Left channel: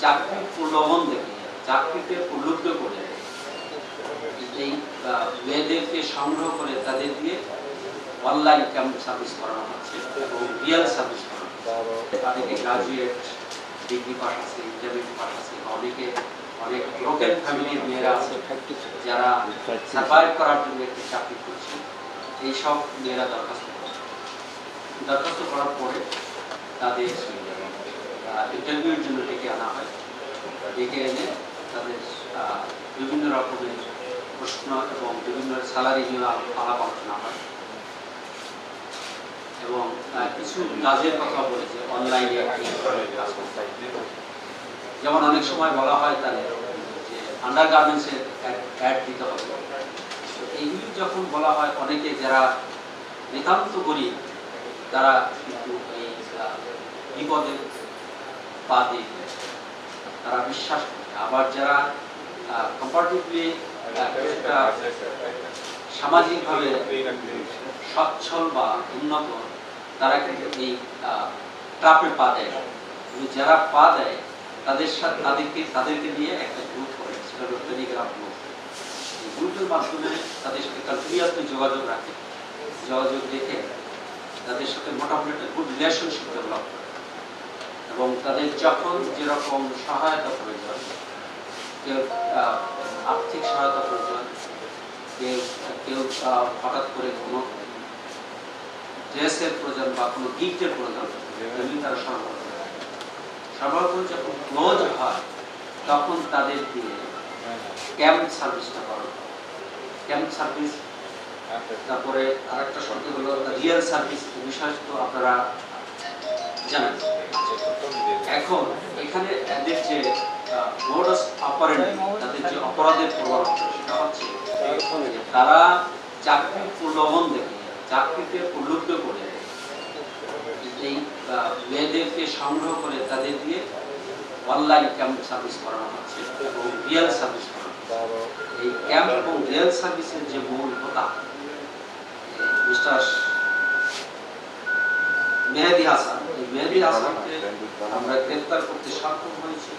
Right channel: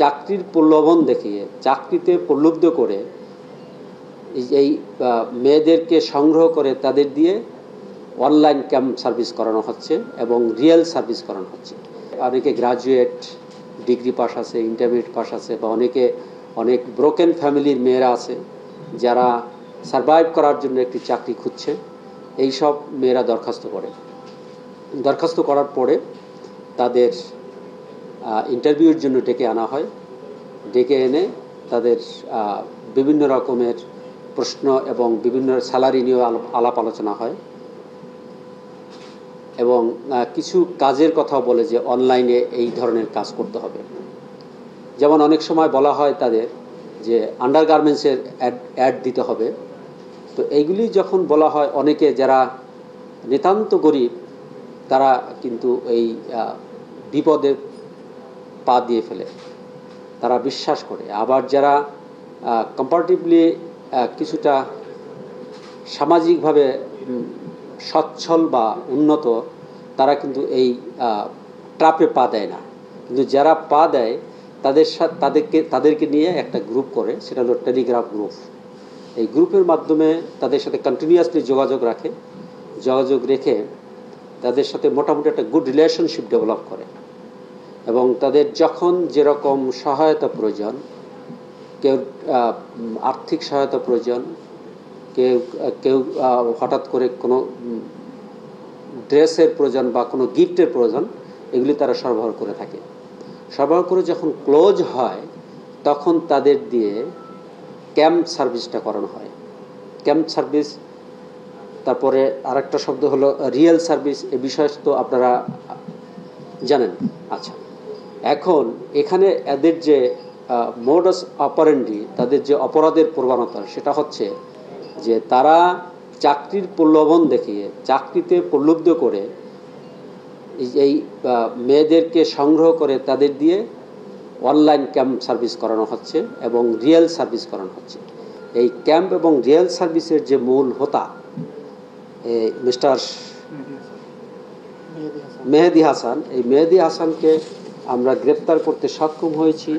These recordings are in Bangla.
চাকরির প্রলোভন দেখিয়ে, চাকরিতে প্রলুব্ধ করে এই মেয়েদেরকে সংগ্রহ করে তাদের দিয়ে অনলাইন ক্যাম্প সার্ভিস করানো হচ্ছে এবং রিয়েল সার্ভিস করানো হচ্ছে। অনেকে গ্রাজুয়েট, ডিগ্রি পাস আছে, ইন্টারমিডিয়েট পাস আছে, বা অনেক ব্রোকেন ফ্যামিলির মেয়েরা আছে যারা সার্ভাইভ করার জন্য একটি চাকরি খুঁজছে। এই সব মেয়েরা দরখাস্ত করার পরে তাদের ইন্টারভিউর জন্য ডেকে আনা হয়। ডেকে এনে তাদের বিভিন্ন রকমের প্রশ্ন এবং বিভিন্ন স্যালারি নিয়ে আলাপ আলোচনা হয় এবং কিছু কাজের কথা বলে যে অনলাইনে এই ধরনের কাজ করতে হবে। যেমন অনেক সময় বলা হয় তাদের যে আন্ডার গার্মেন্টসের অ্যাড দিতে হবে। তো এইগুলি যখন বলা হয়, অনেকে যারা নিতান্ত গরিব তারা কিন্তু এই বিপদে পা দিয়ে ফেলে, তারা বিশ্বাস করে। আবার যারা কম্পারেটিভলি কিছুটা সামাজিকভাবে সচ্ছল বা উন্নত, তারা কিন্তু এই ট্রাপে পা দেয় না। কিন্তু যারা পা দেয় তাদেরকে নিয়ে একটা গ্রুপ করে, সেটা হলো টেলিগ্রাফ গ্রুপ। এই গ্রুপের মাধ্যমে তাদের সাথে কন্টিনিউয়াসলি যোগাযোগ রেখে তাদের সাথে মোটামুটি একটা গুড রিলেশনশিপ ডেভেলপ করে এবং তাদের যখন যেরকম সহায়তা প্রয়োজন, কেউ আর্থিক সহায়তা প্রয়োজন, কেউ হঠাৎ করে কোনো ড্রেসের প্রয়োজন বা কোনো গিফটের প্রয়োজন, এগুলি তারা সরবরাহ করে থাকে। সরবরাহ করে যখন ক্লোজ হয় তখন তাদের দিয়ে ক্যাম্প সার্ভিসটা করানো হয়। ক্যাম্প সার্ভিস, তারপরে আরেকটা শব্দ হলো রিয়েল সার্ভিস। এই বিষয় তো আপনারা জানেন। আচ্ছা, এখন এখানে এদের যে মোডাস অপারেন্ডি, তাদের যে অপরাধের প্রবণতা, সেটা হচ্ছে যে তারা চাকরির প্রলোভন দেখিয়ে, চাকরিতে প্রলুব্ধ করে এই মেয়েদেরকে সংগ্রহ করে তাদের দিয়ে অনলাইন ক্যাম্প সার্ভিস করানো হচ্ছে এবং রিয়েল সার্ভিস করানো হচ্ছে। এই ক্যাম্প এবং রিয়েল সার্ভিসের যে মূল হোতা মিস্টার মেহেদি হাসান, এই মেহেদি হাসানকে আমরা গ্রেপ্তার করতে সক্ষম হয়েছি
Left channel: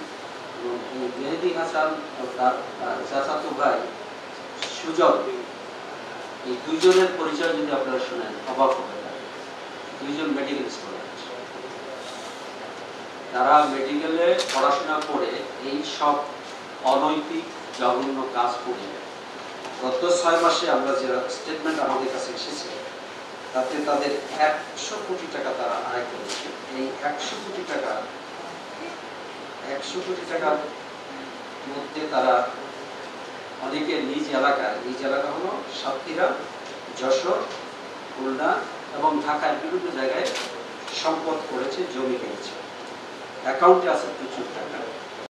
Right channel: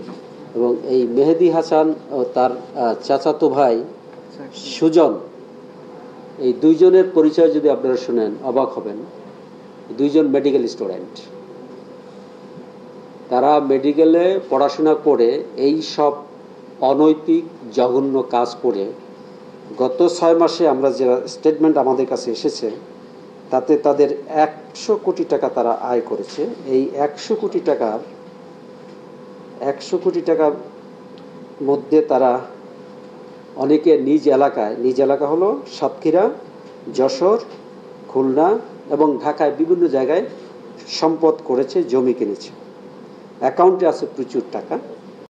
এবং এই মেহেদি হাসান ও তার চাচাতো ভাই সুজন, এই দুইজনের পরিচয় যদি আপনারা শুনেন অবাক হবেন। দুইজন মেডিকেল স্টুডেন্ট, তারা মেডিকেলে পড়াশোনা করে এই সব অনৈতিক জঘন্য কাজ করে গত 6 মাসে আমরা যে স্টেটমেন্ট আমাদের কাছে এসেছে তাতে তাদের 100 কোটি টাকা তারা আয় করেছে। এই 100 কোটি টাকার মধ্যে তারা অনেকে নিজ এলাকা হলো সাতক্ষীরা, যশোর, খুলনা এবং ঢাকায় বিভিন্ন জায়গায় সম্পদ করেছে, জমি কিনেছে, অ্যাকাউন্টে আছে প্রচুর টাকা।